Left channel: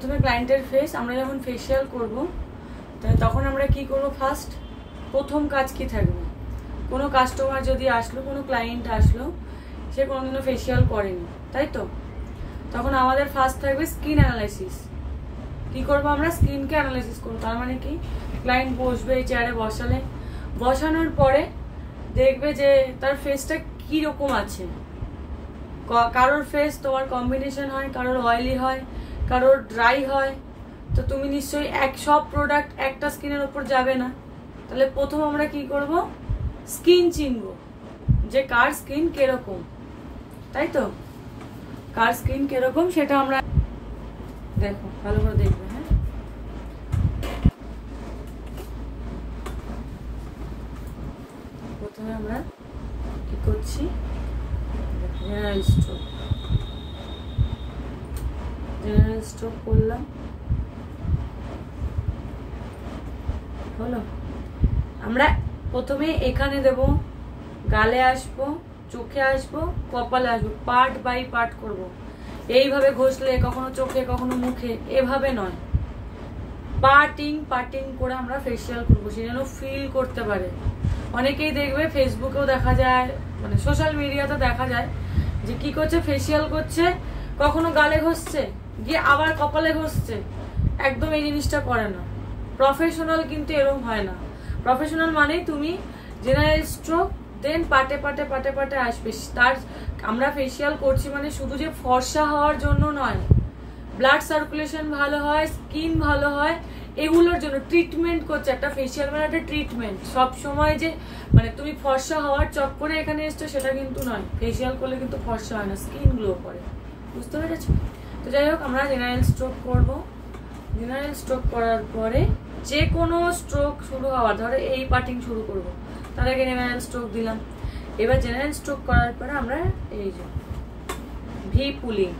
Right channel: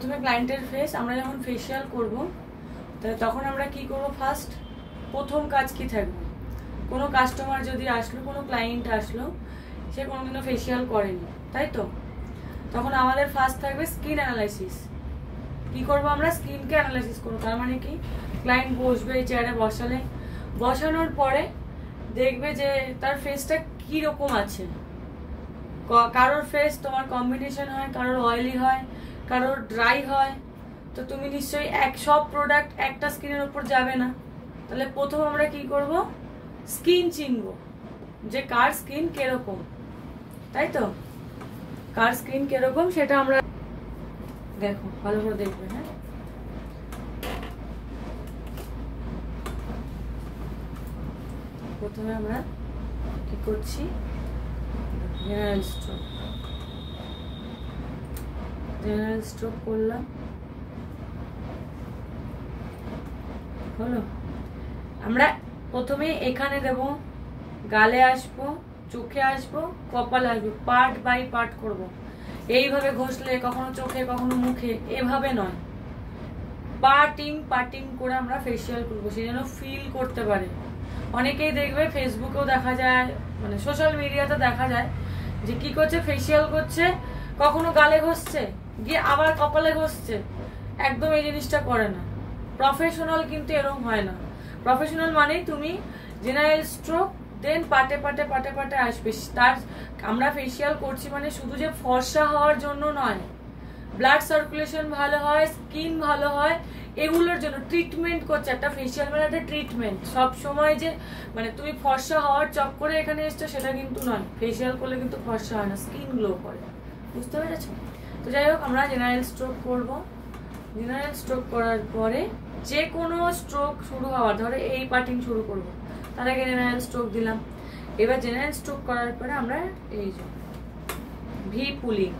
প্রথমে ক্লায়েন্টের ফেস আমরা যখন ফেসিয়াল করব তখন আমরা কি করব, ফার্স্ট প্রথম কাজ কি থাকবে, কোনো কাস্টমার যদি আসলো, কোনো ক্লায়েন্ট আসলো, সে কোনোদিনও ফেসিয়াল করেনি, তাই তো, তখন আমাদের ফার্স্ট থাকবে স্কিন অ্যানালাইসিস। কি করবো আমরা, স্কিনকে অ্যানালাইসিস করবো। তার মানে কি, ক্লায়েন্ট বসবে এই চেয়ারে, বসানোর পরে দেখবে যে তার ফেসটা কি রকম আছে। কারোর ফেস তোমার কম্বিনেশন হয়, কারোর অয়েলি হয়, কারোর ড্রাই হয়, তো তুমি নিশ্চয়ই সব প্রোডাক্ট একটা স্কিনের উপর যাবে না। তাহলে প্রথম আমরা কি করব, স্কিন চিনবো যে কার স্কিন কিরকম, তাই তো, কার স্কিন কিরকম সেটা আমরা দেখো, ভালো করে দেখবে। হ্যাঁ, প্রথমে আমরা কি করছি, জেনারেল স্ট্রোক করলাম, হলো। আমরা প্রথমে এখানে দেব, গালে আসবো, চোখে আসবো, কপালে আসবো, পার্ট বাই পার্ট করব। এইভাবে ঘষলে কখনো চোখে কখনো মুখে, এভাবে নয়, পার্টিং করে আমরা ফেসিয়াল করবো, সেই জন্য ফিল করতে পারে। অনেকেই দেখবে ফেসবুকেও দেখা যায়, মানে সোশ্যাল মিডিয়াতে দেখা যায় যে কি করছে, ফেসিয়াল করছে, কখনো গালে ঘষছে, গিয়ে আবার কপালে ঘষছে। একদম এই জিনিসটা করে না। প্রফেশনাল কিন্তু এরকম হয় না। প্রফেশনাল মানেই তুমি জেনারেল স্ট্রোক, দেন পাটে আসবে। তার আমরা ফেসিয়াল করছি মানে শুধু যে ফর্সা হওয়ার জন্য নয়, ব্লাড সার্কুলেশন ভালো হয়, স্কিন ভালো হয়, এগুলোর জন্য ট্রিটমেন্ট করছে। একটা ফেসিয়াল মানে একটা ট্রিটমেন্ট। সব সময় যে মানে তুমি ফর্সা হওয়ার চক্করে এখানে এসছো সেটা কিন্তু নয়। ফেসিয়াল করলে কিন্তু ফর্সা হয় না, স্কিন গ্লো করে, বুঝতে পেরেছো? তো যাই হোক, আমরা জেনারেল স্ট্রোক করবো। জেনারেল স্ট্রোক করার পরে যে কোনো স্ট্রোক শুরু হওয়ার, ধরো এই পার্টিং শুরু করবো, তার আগে জেনারেল স্ট্রোক দিলাম। এবার জেনারেল স্ট্রোক করার পরে আমরা এই যে ভি পুলিং,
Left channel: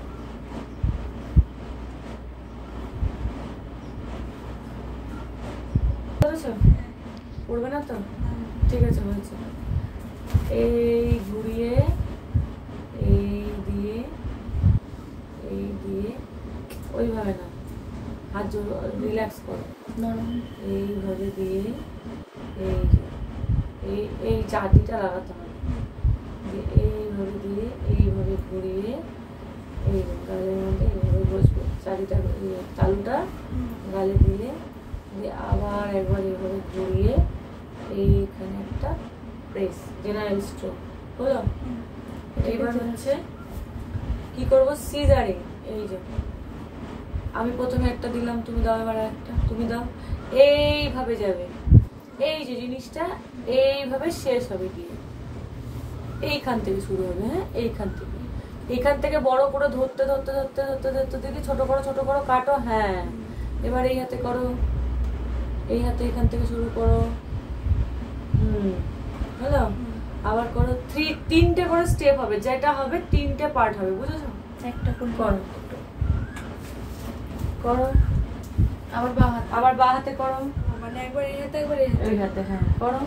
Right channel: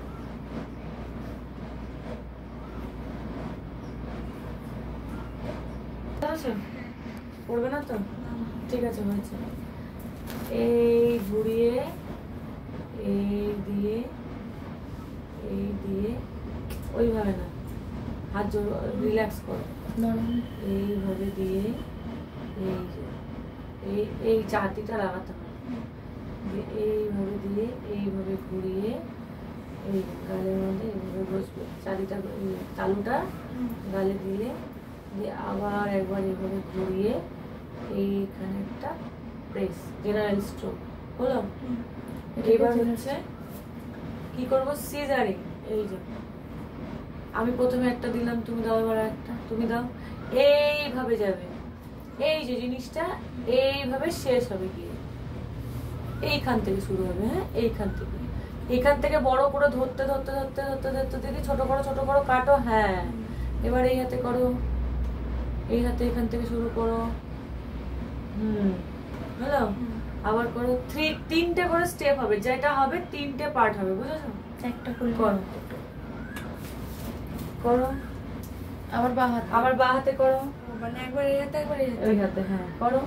পড়বে না তো, ঠিক আছে, হয়েছে। এই ঘুরিয়ে, এই দিয়ে ওইভাবে না, হাত জোর রিল্যাক্স করো, এইভাবে দিয়ে এই চাটিটা লাগাতে হবে, এইভাবে দিয়ে এইভাবে ঘুরিয়ে এই গালের মধ্যে এইভাবে বসবে, চাটিটা তালুটা গালে দিয়ে আবার একবার এইভাবে ঘুরিয়ে এইখানে একটা প্রেস, জেনারেল স্ট্রোক হলো। এইবার হচ্ছে কি করবো, সিজারিং। এই যে আমি প্রথমে একটা দিলাম, তুমি দাও, এবার একটা তুমি দাও, এইভাবে যাবে। এই যে জিনিসটা এইভাবে শেষ হবে, গিয়ে এইখান থেকে শুরু হবে। হ্যাঁ, এইখান থেকে বড় করে ধরতে দেখি ছোট করো কাটো। হ্যাঁ, এবার এই হাতে করো, এই হাতে এখান থেকে শুরু করো। হ্যালো, আবার করো। তিনটে করে স্টেপ হবে, যেটা হবে তিনটে পার্ট হবে, বুঝেছো? একটা করে করো। আবার বাঁ হাতে করো, মানে একবার এই হাতে একবার এই হাতে। হ্যাঁ, করো।